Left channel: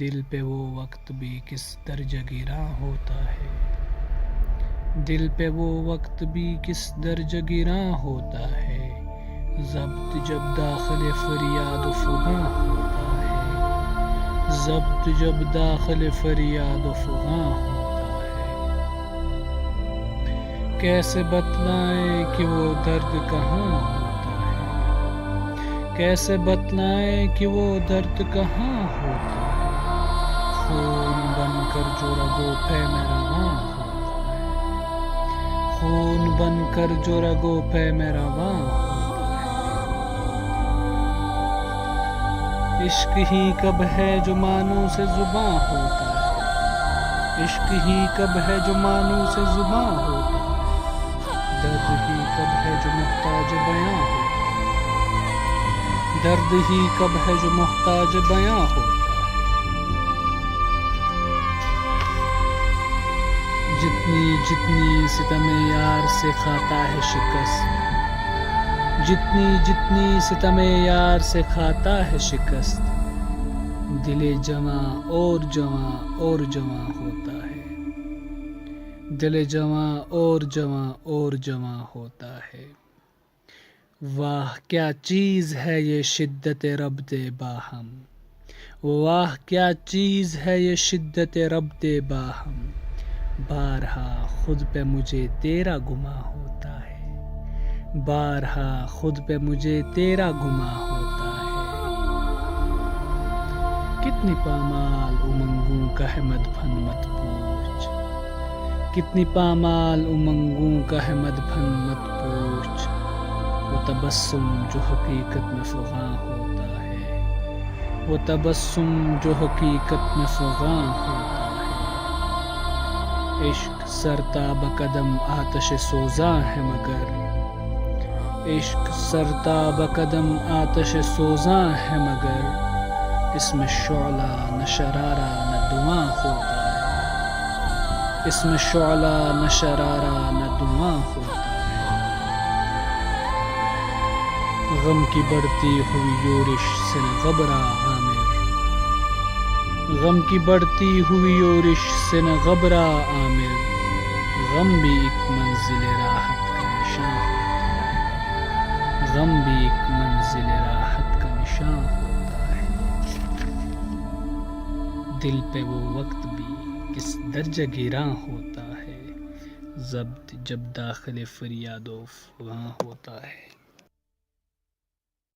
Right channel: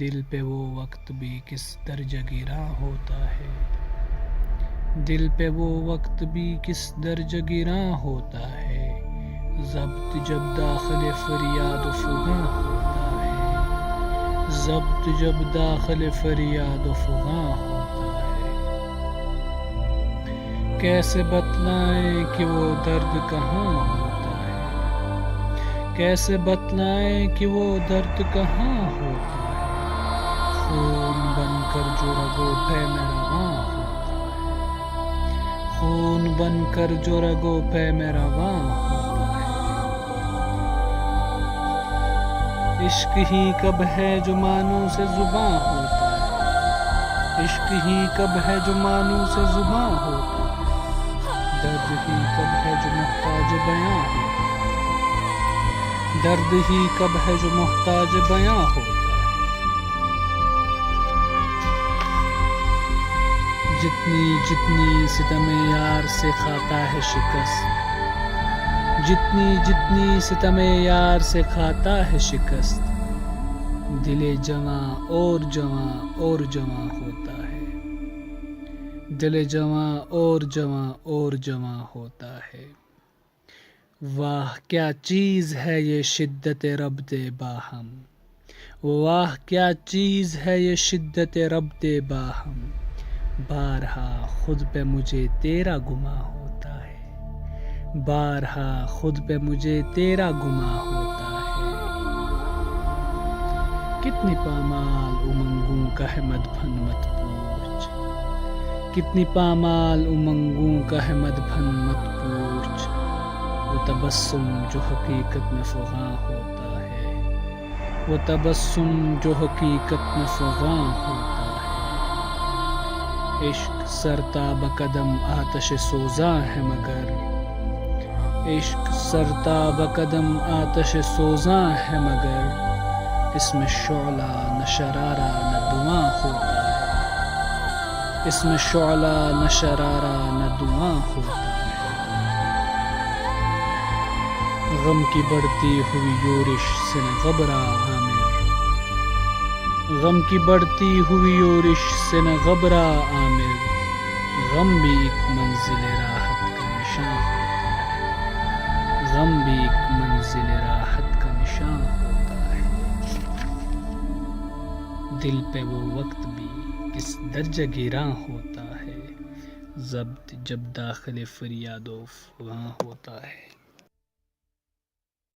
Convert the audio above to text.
دل پہ وہ وقت بھی کس درجہ گراں ہوتا ہے، دل پہ وہ وقت بھی کس درجہ گراں ہوتا ہے، ضبط جب داخل فریاد و فغاں ہوتا ہے، ضبط جب داخل فریاد و فغاں ہوتا ہے۔ کیسے بتلائیں کہ وہ درد کہاں ہوتا ہے، کیسے بتلائیں کہ وہ درد کہاں ہوتا ہے، خون بن کر جو رگوں پہ میں رواں ہوتا ہے، خون بن کر جو رگوں پہ میں رواں ہوتا ہے۔ عشق ہی کب ہے جو معنوں سے زباں ہوتا ہے، عشق ہی کب ہے جو معنوں سے زباں ہوتا ہے، درد ہی کب ہے جو محتاج بیاں ہوتا ہے، درد ہی کب ہے جو محتاج بیاں ہوتا ہے۔ جتنی جتنی ستم یار سے کھاتا ہے شکست، جتنی جتنی ستم یار سے کھاتا ہے شکست، دل جواں اور جواں اور جواں ہوتا ہے، دل جواں اور جواں اور جواں ہوتا ہے۔ واہ کیا چیز ہے یہ شدت ربط باہم، واہ کیا چیز ہے یہ شدت ربط باہم، بارہا خود پہ مجھے تیرا گماں ہوتا ہے، بارہا خود پہ مجھے تیرا گماں ہوتا ہے۔ کتنی پامال امنگوں کا ہے مدفن مت پوچھ، کتنی پامال امنگوں کا ہے مدفن مت پوچھ، وہ تبسم جو حقیقت میں فغاں ہوتا ہے، وہ تبسم جو حقیقت میں فغاں ہوتا ہے۔ عشق سرتاب قدم آتش سوزاں ہے مگر، عشق سرتاب قدم آتش سوزاں ہے مگر، اس میں شعلہ نہ شرارہ نہ دھواں ہوتا ہے، اس میں شعلہ نہ شرارہ نہ دھواں ہوتا ہے۔ غم کی بڑھتی ہوئی یورش سے نہ گھبرا عامر، غم کی بڑھتی ہوئی یورش سے نہ گھبرا عامر، غم بھی ایک منزل راحت کا نشاں ہوتا ہے، غم بھی ایک منزل راحت کا نشاں ہوتا ہے۔ دل پہ وہ وقت بھی کس درجہ گراں ہوتا ہے، ضبط جب داخل فریاد و فغاں ہوتا ہے۔